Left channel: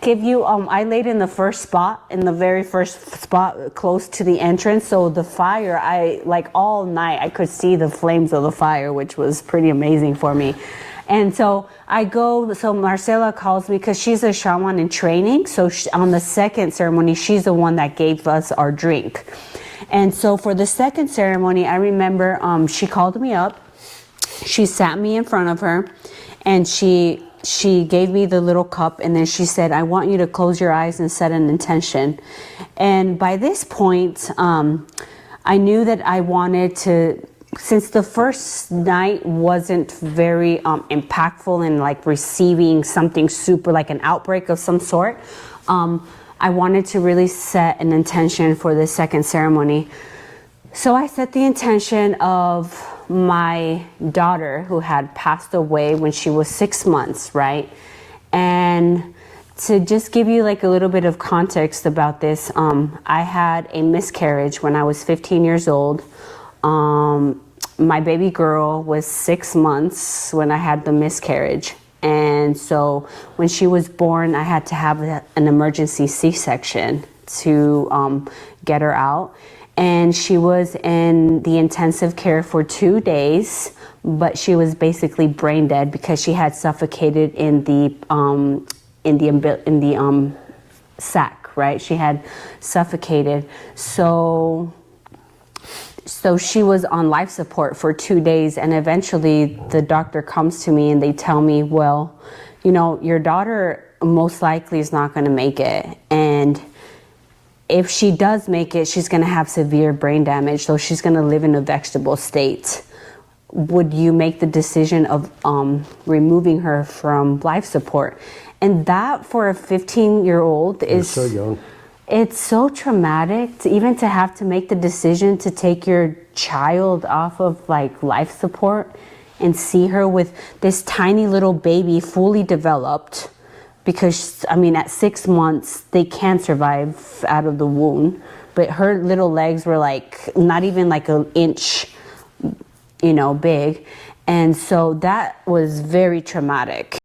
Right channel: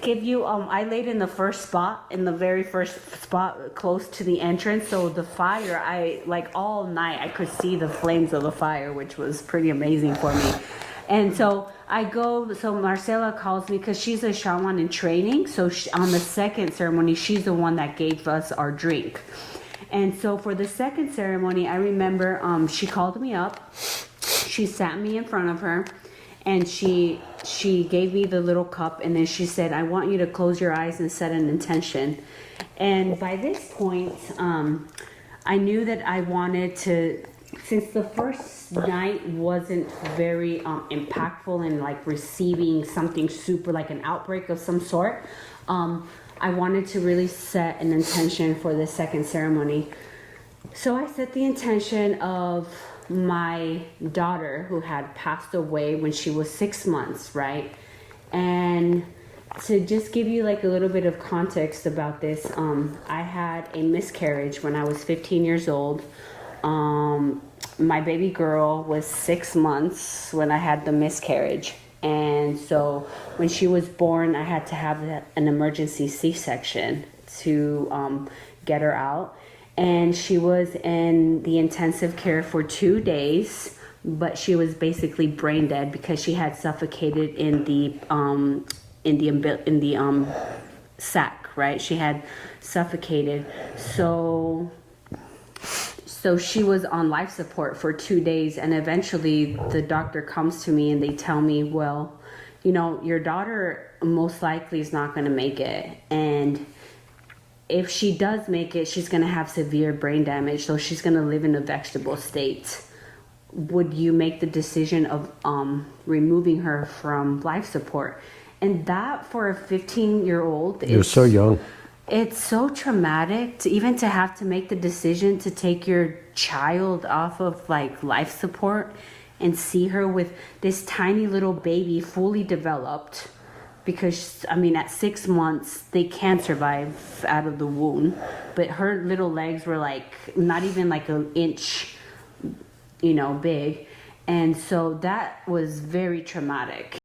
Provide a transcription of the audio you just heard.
Give you I laid in the first spot, in the very first spot close to the entrance, so the fire, I like all night I could see the flames of the fire, which was pretty amazing for me. And so so Marcela calls me because she's a shaman in training, so on the second ceremony she's the one that gave us our drink. And so for the second ceremony, I remember she called me up, she sat me in front of her, and she gave me the little cup, and then she said, I want you to close your eyes and set an intention. And by this point, I knew that I wanted to, since the first night wasn't very impactful in like receiving something super, like an outbreak of some sort, I wanted to really set an intention for the second ceremony. So I set the intention of my daughter who had passed away when she was 6 months, right? And to just give you like a little bit of context about this, I had a miscarriage when I was 15 years old. My baby girl was 6 months when I had the miscarriage. And so when she was born, I had to have an emergency C-section to get her out. And she was in the intensive care for 2 days, but she was basically brain dead because she had suffocated in the sac, right? She had suffocated. So she was on life support for 2 days, and eventually the doctor comes to me and they tell me, well, you know, your daughter most likely is not going to make it, and if she does make it, she's going to have severe brain damage, so she's going to live in a vegetable state. Would you make the decision of removing her from life support? And that, for a 15-year-old, is... You're so young. It's so traumatic to even to have to make the decision to take your child off of like life support and see her with this tiny little baby fully developed, because I mean at 6 months they can survive out of the womb, but her little legs were like not even like an inch, you know, big. And so that was very traumatic.